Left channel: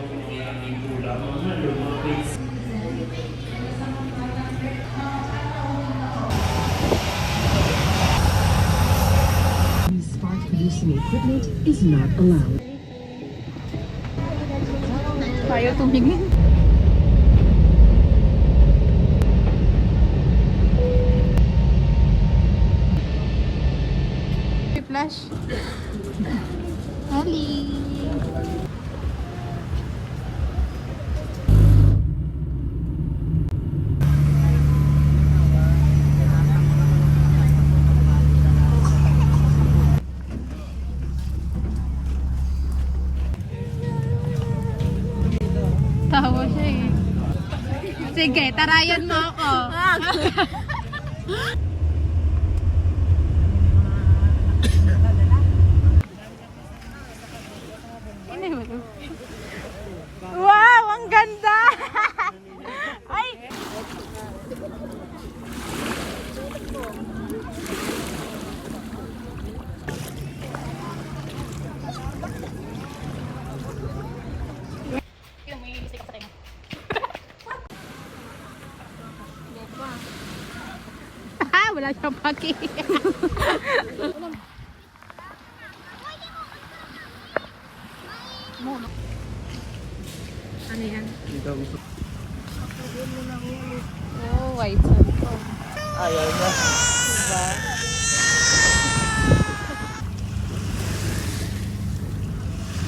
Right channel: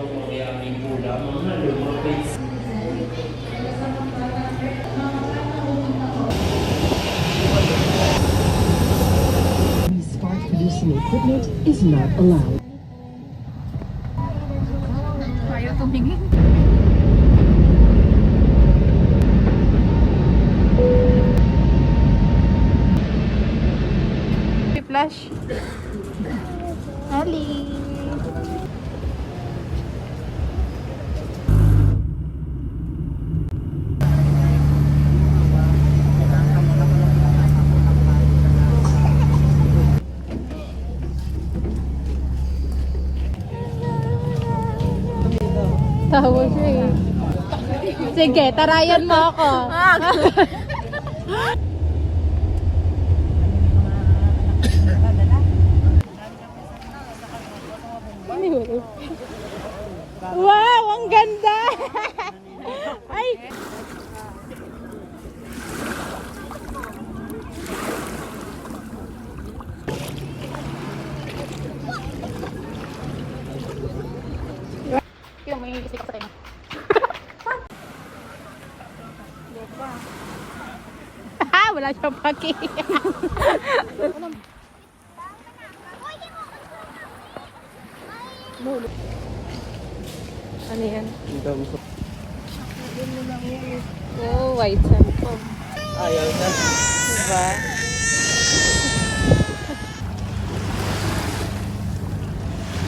Start producing equipment is not allowed. Ayaw tumingin. Flash. Ali. Tawa siya eh. Sige, tarayan mo ako. Wow, ang ganda! Ay! Yung may lisik ako tayo. Wala siyang paki. Ano yan? Oh, white siya. Ayaw na. Diba?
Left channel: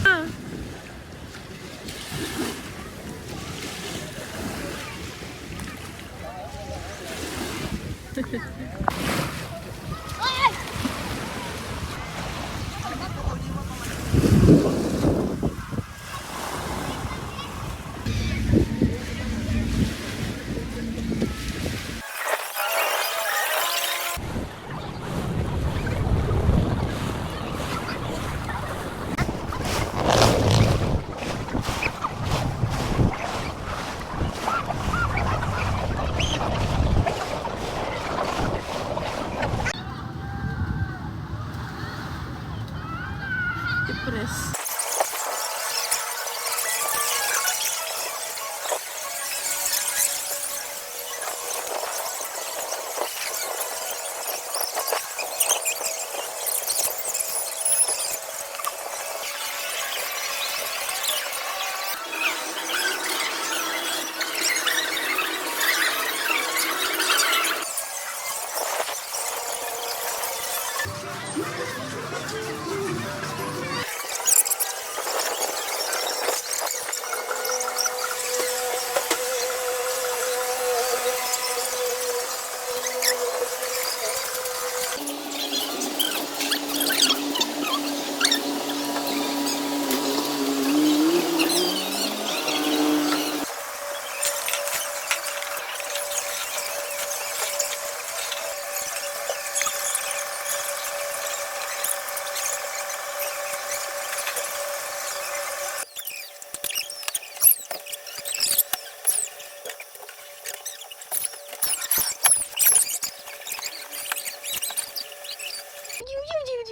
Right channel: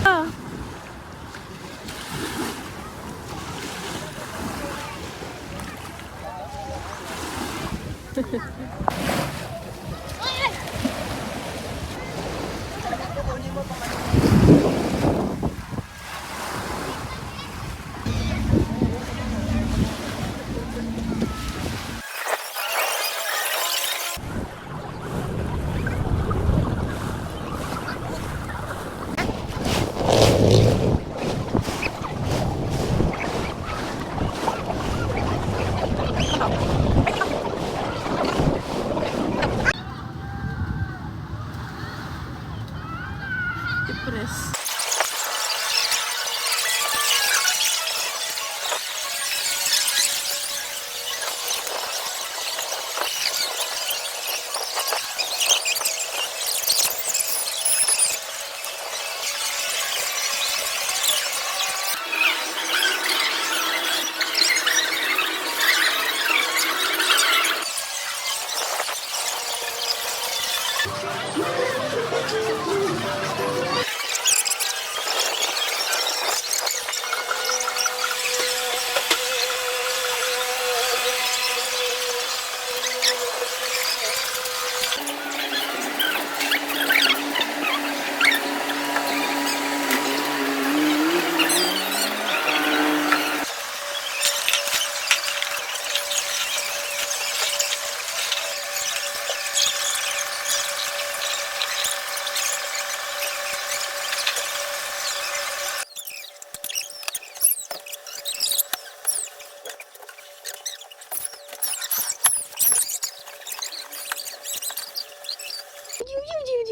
Ah. Depressed.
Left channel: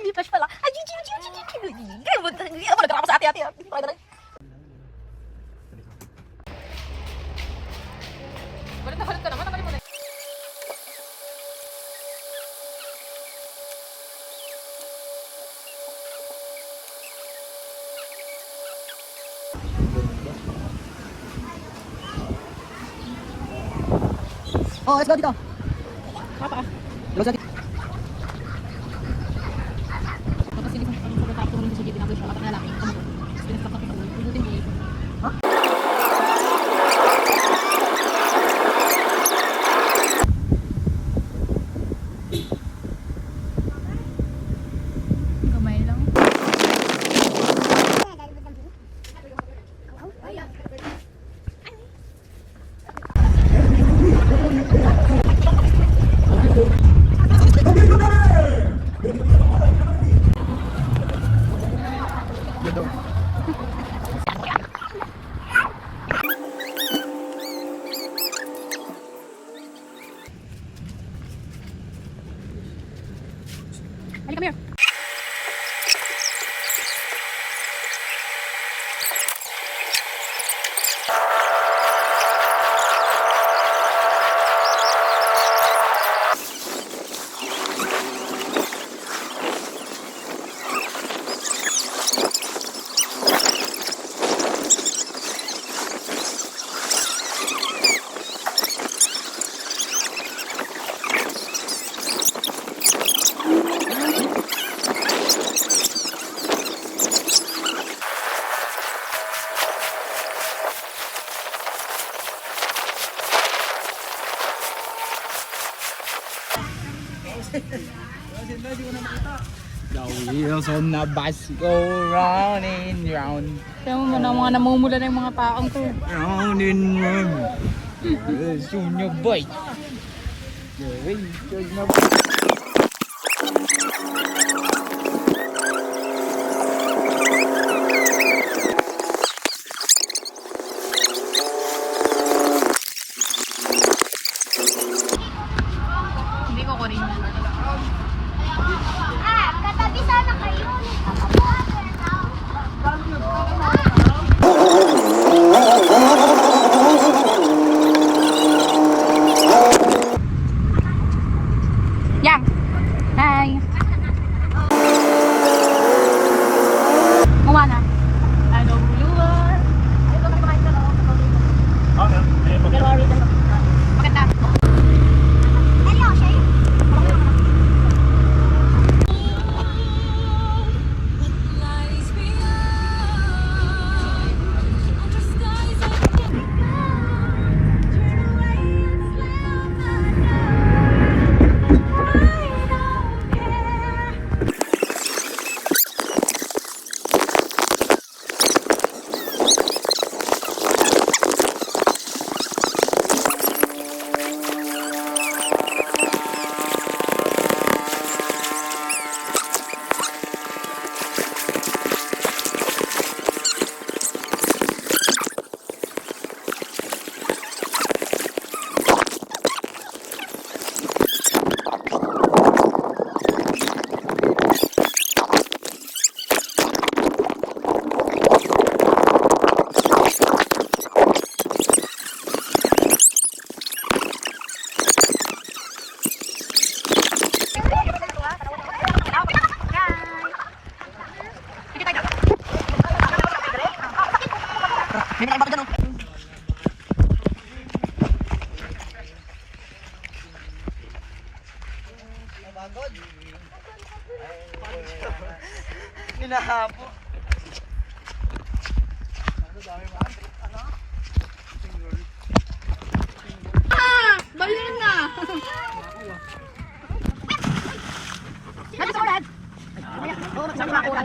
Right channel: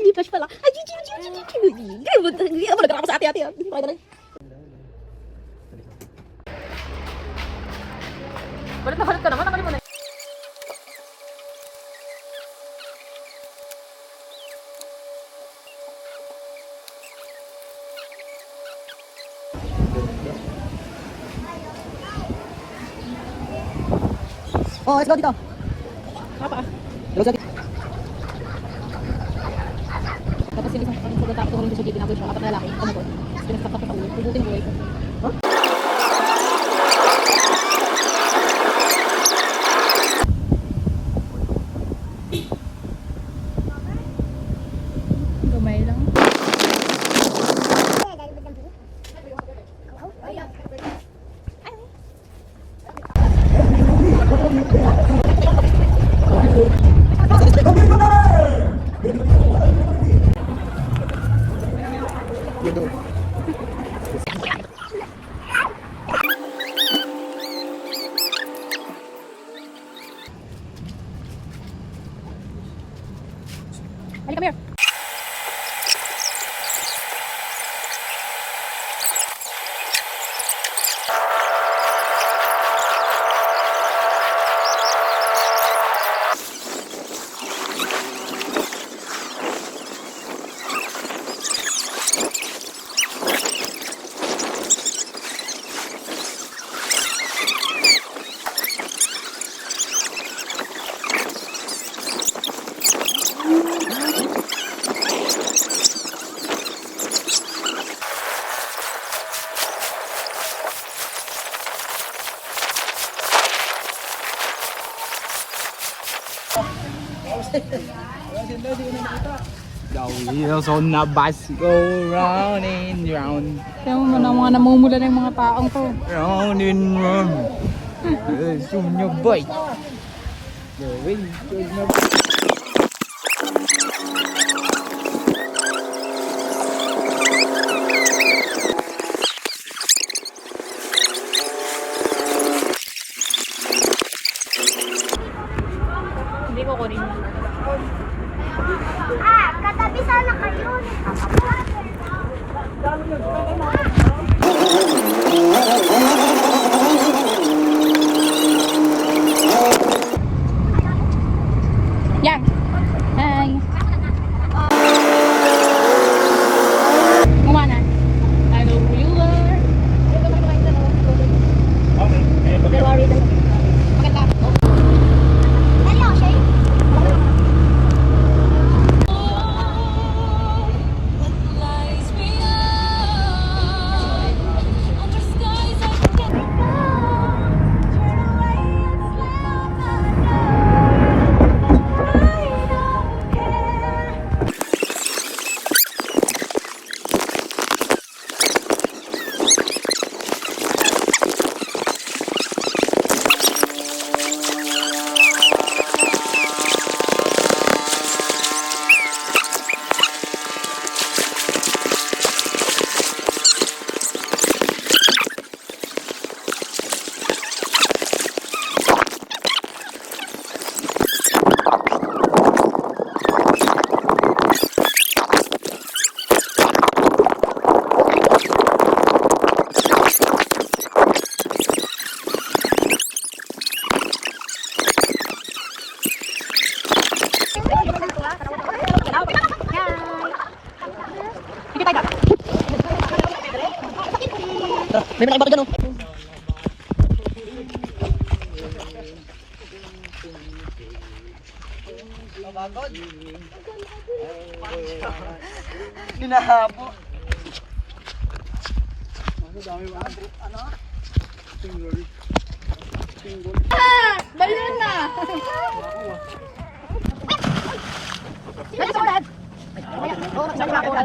Lipas pala. Ay, hindi ako nagkakapa sa ate-ate. Balit ka naman. Nakalima na. Oh, let's go dito. Let's go dito. Tapos sige sa pagkakataon ko ng sige dinagos mga lalaki ano ko. Pinagkakataon ko. Pubutin buhay ko. Huh? Gamay lang. Ay. The wheels on the bus go round and round. Yung mga namumula na yung mga paong to. Round and round. It's on your bike. The wheels on the bus. Hindi ko kunin. Katabi sana kayo. Yang! Hi! Kumana. I know who you are. Maganda. Hello, Shay. May mga iba ka dyan, oh. Balena! Nandito sa ulan! Oo, nagsasabi ako ulan.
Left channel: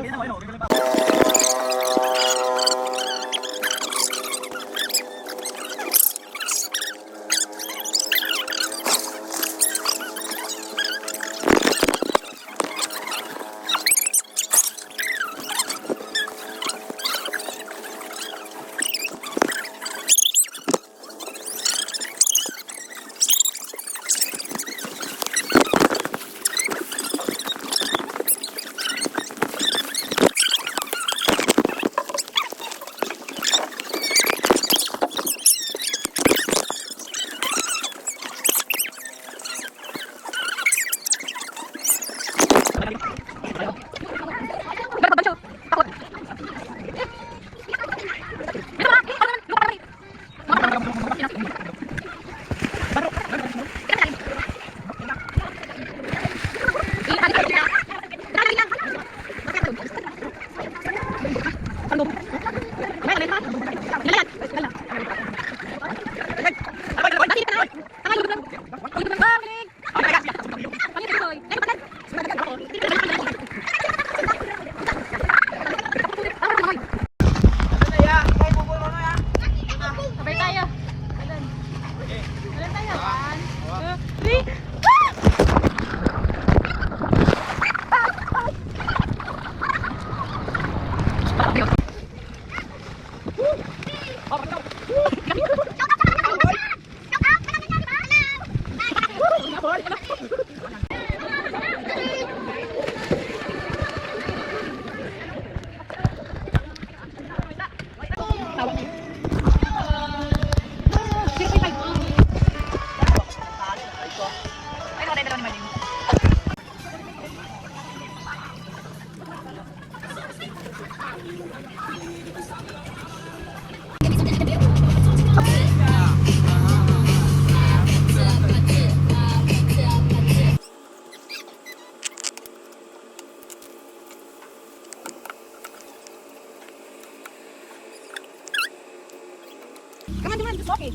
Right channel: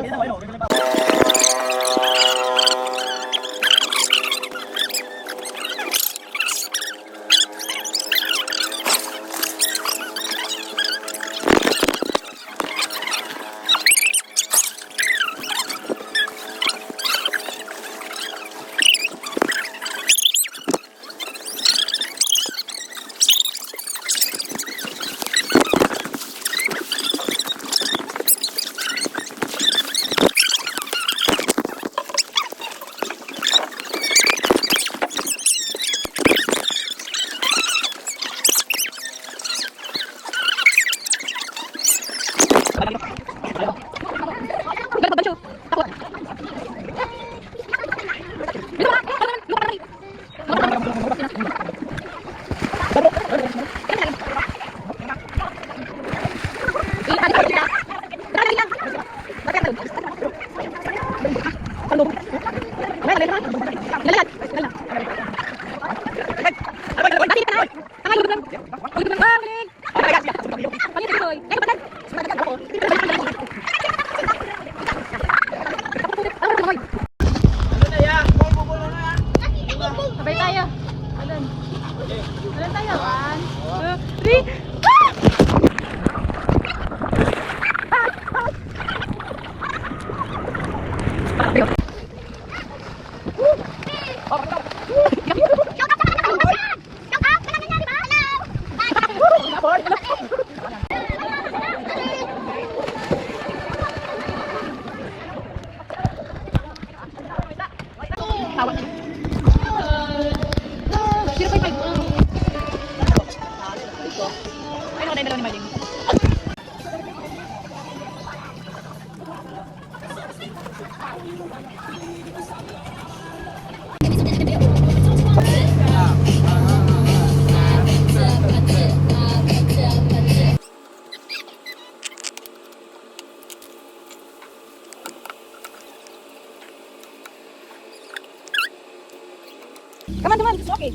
Come on, come on, it's okay.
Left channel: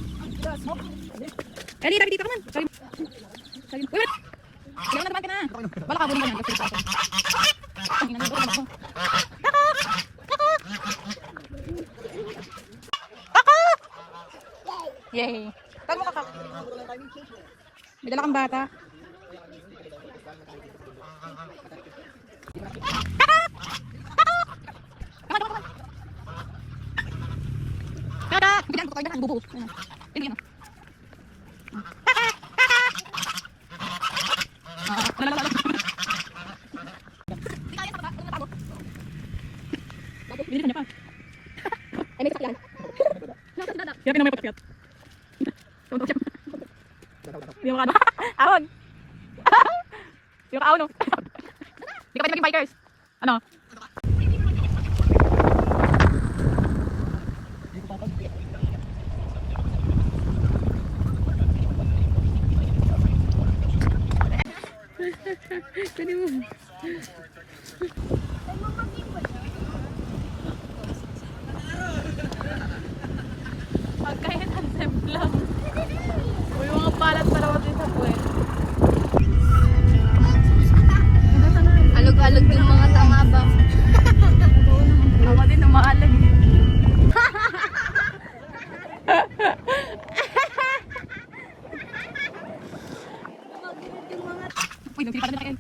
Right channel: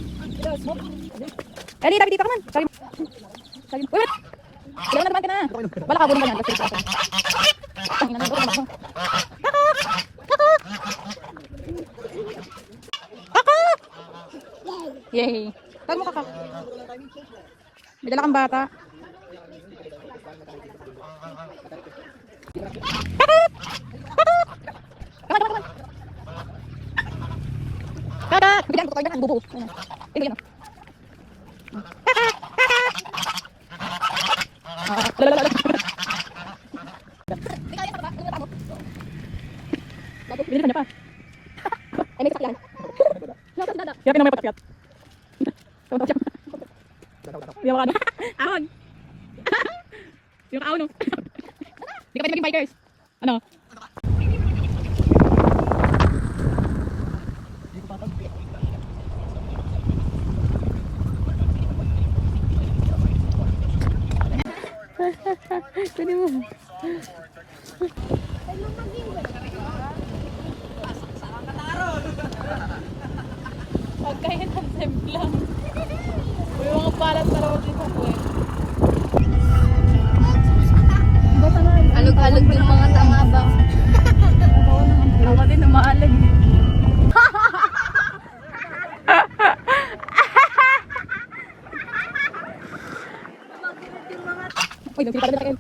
Ready, David, dito, come on. Sabi mo. Sabi mo. Wait, wait. Kailangan na naman ka na. Wala ka naman yan. Ang ina naman. Yay. Tag mo kaka. May dala kang bata. Tada! Bigyan ko tayo ng bubo. Ayun. Ayun. Bigyan niya pa. Ay, may sakyan. Kaya kinamay patkiyat. Yung ano? Ahon! Yung ahon, no? Hindi ka pwede maging bikers. Ano? Tadi mo. Pagkain ng sempla. May mga palat pa naman dito po eh. Alog-alog yung mga tanga ba? Ayaw ka din na maalag. Uy, nagpili pa rin kayo.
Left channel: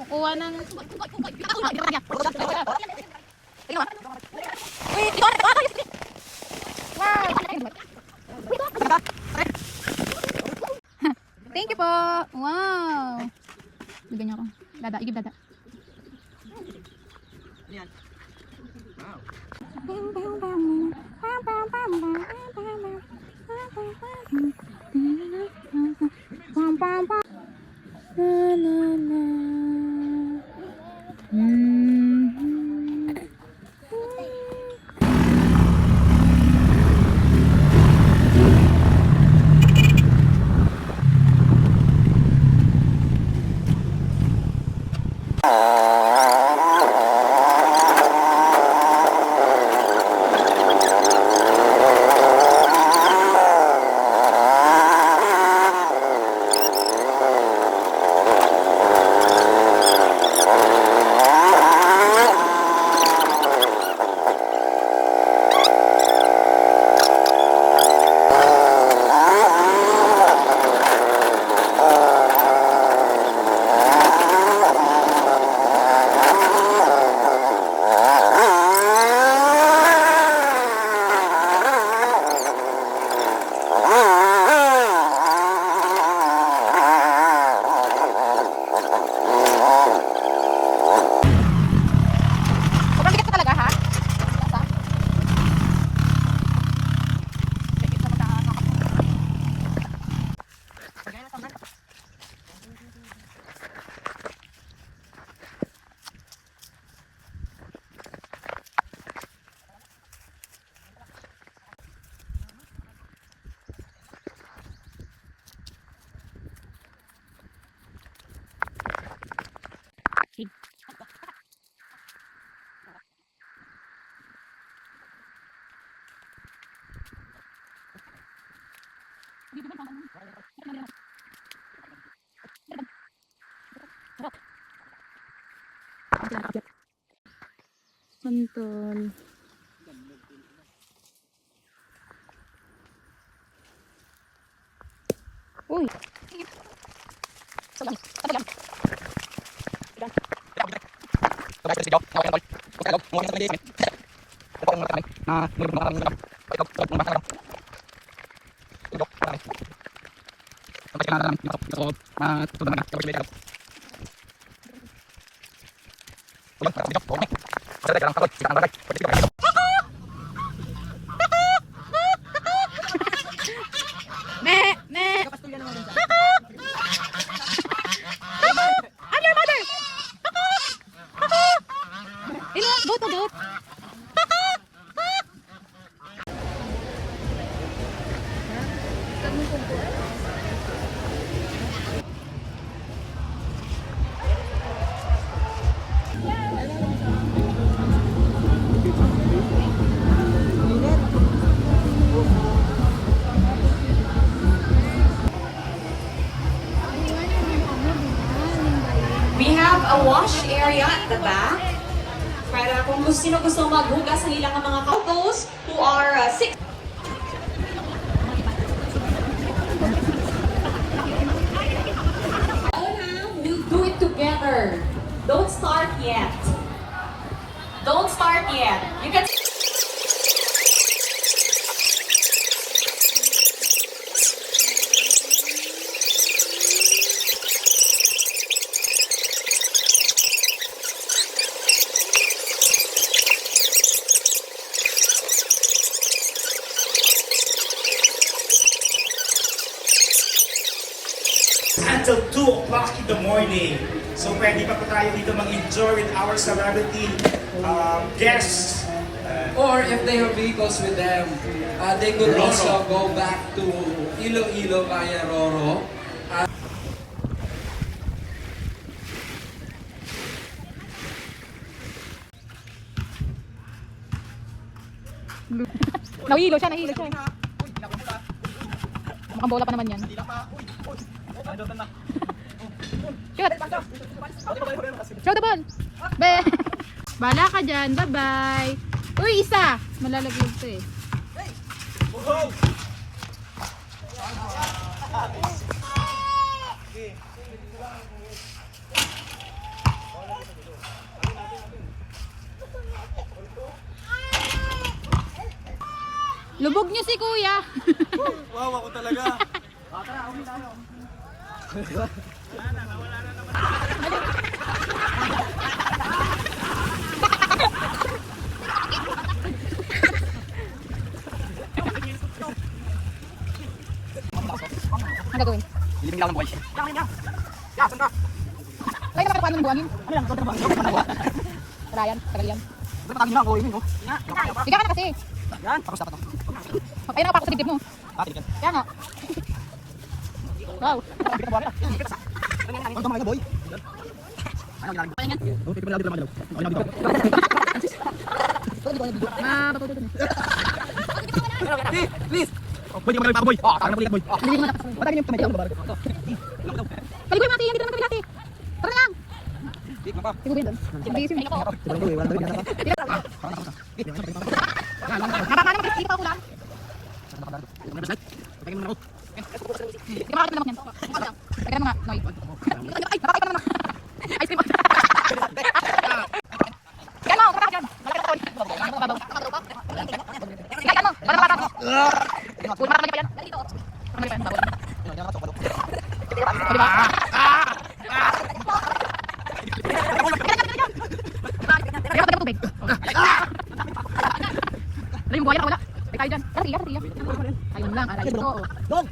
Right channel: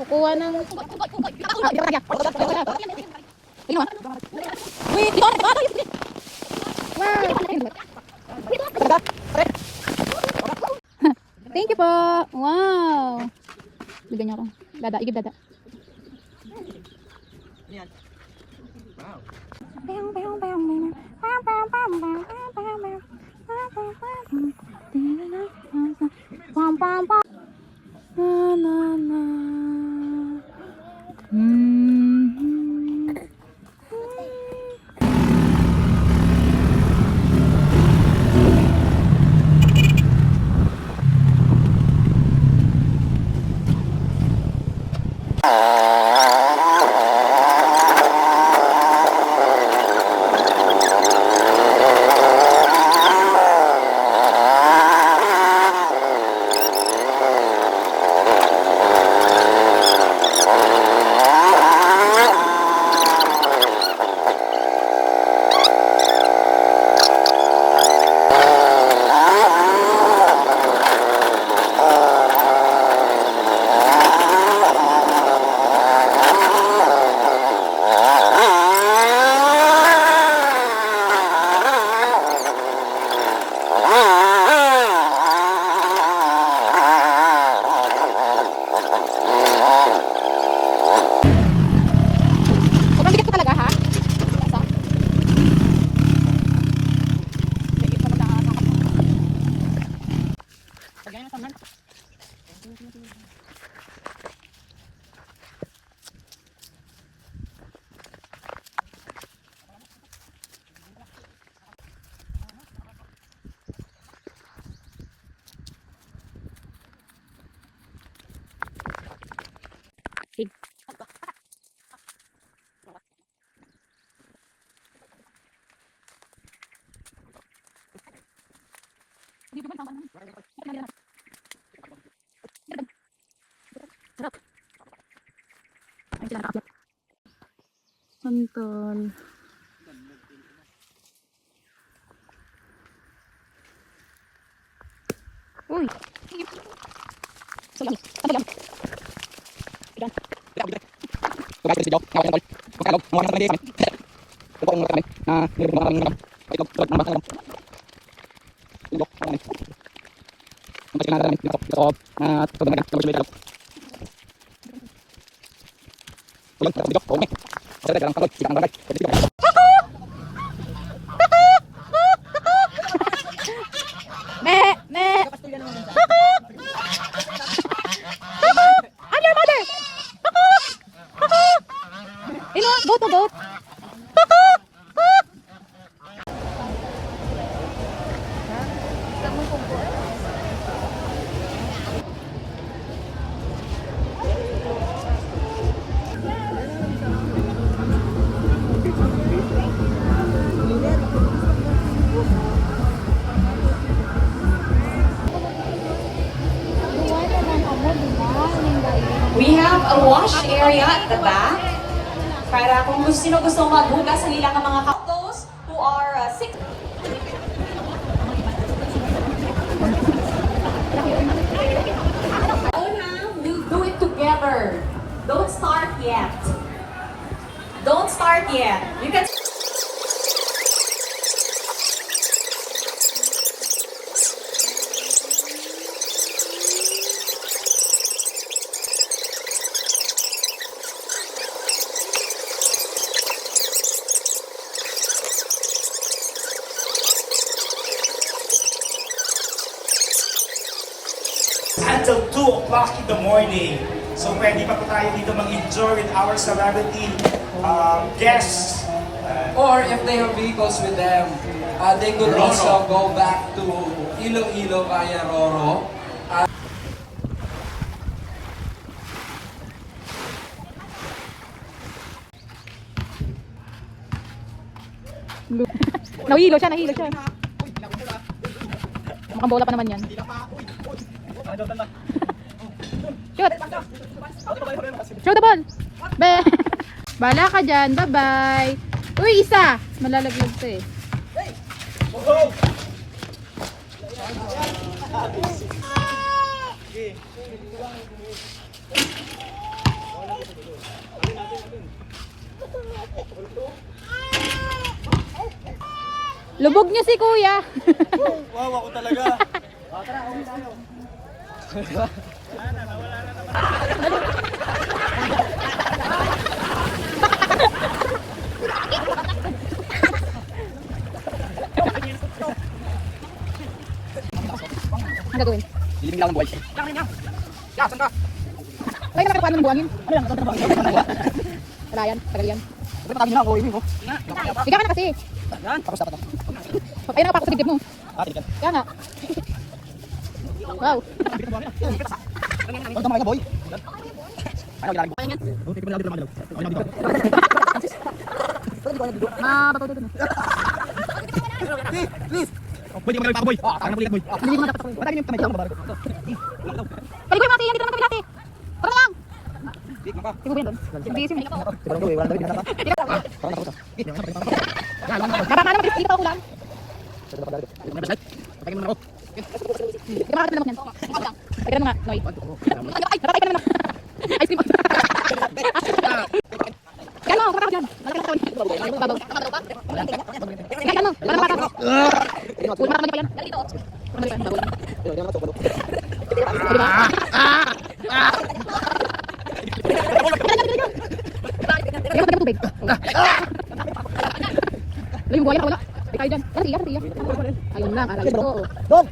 Kukuha ng... Thank you po. Wow. Bigyan niyo ako. Dada, igib dada. Santan. Uy. Salam. Salam. Me, me. I'm your mother. Goat, goat. the back. Para kung gusto maghugas ng ilang mga couples who are sick. We'll do it together. Don't start yet. Don't start yet. You can. Until 2 o'clock in the morning. So pwede pa po tayo dito mag-enjoy with our celebrity guests. Or if they have vehicles with them, they could Roro. also go back to Iloilo via Roro. Nahilo siya, nahilo siya. Mukhang bola pa naman yan. Shoot! Shoot the ball! Be! Bala ka dyan, bye-bye! Uy, isa! Malalaglag ka eh. Lubog niyo si kuya! Wow, ako talaga. Ano gagawin? Ilibing lang ang buhay. Lagi na makakuha ng buwangin. Ano lang, ito ba? Wala yan, tagal yan. Ito pa kami na, buhay mo. Higa ka na kasi. Yan, tapos dapat to. Ayun na, pa ako sa dibdib mo. Tigil. Kaya na. Wow. Ito mga boy. Ano ginagawa? Kaya yan. Oh, tito mo lang dito mga dalaw. Ano dito? Bato dito. Please. Pwede mo magawin pa boy. Kaya na pulikat boy. Hindi mo dapat. Wala yung kamay ko babago. Kaligoy mo ate, yan dito naman kami ate. Tara na lang. Dik mapa. Siguro yan doon. Hindi kasi may ako. Siguro ko wala dito binata. Baba ka naman, hindi ka pa ulan. Pagkain mo na ako. Hindi ka makakita naman yan. Teka na nga, Noy. Ay, nakakita naman. Ice cream. Kaya mo, kapag yan. Malaki ako. Kaya mo, para makakata. Uy, marami pa yan. Marami pa yan. Di ba? Kaya ko tubig. Ano yung buhaya? Wala. Di tayo dyan. Kasi yan. Ayun lang. Aray ko. Don.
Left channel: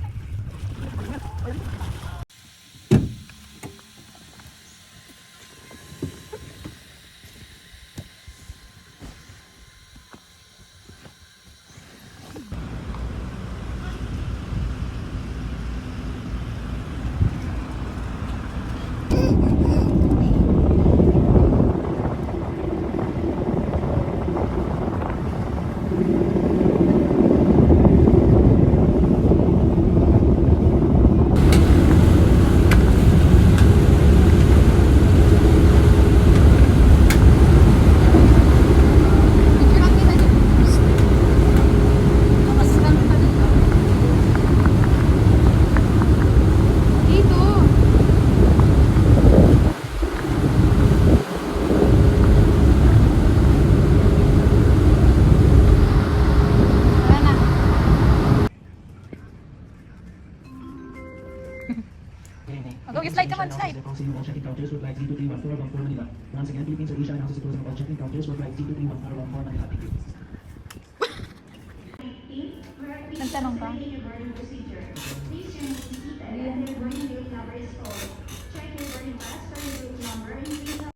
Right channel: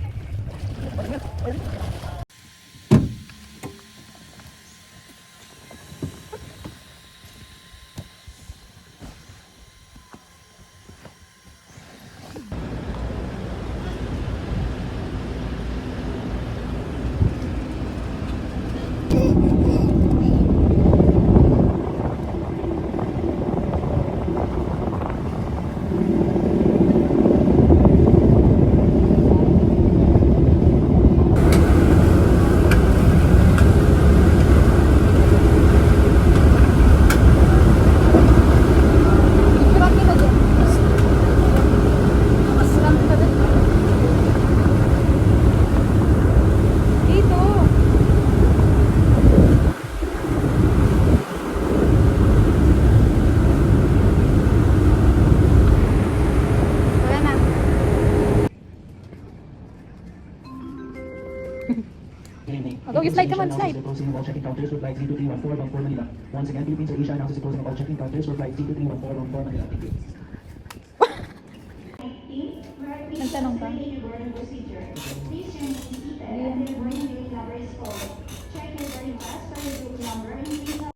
Go, you slide, come on, slide. Closing of all check-in counters for flight 32314 Manila. Once again, Philippines Air Asia announces the closing of all check-in counters for flight 32314 Manila. Thank you. Nagtanong ka? Please turn the seat and the boarding gate number is full. Check your boarding pass for your group number and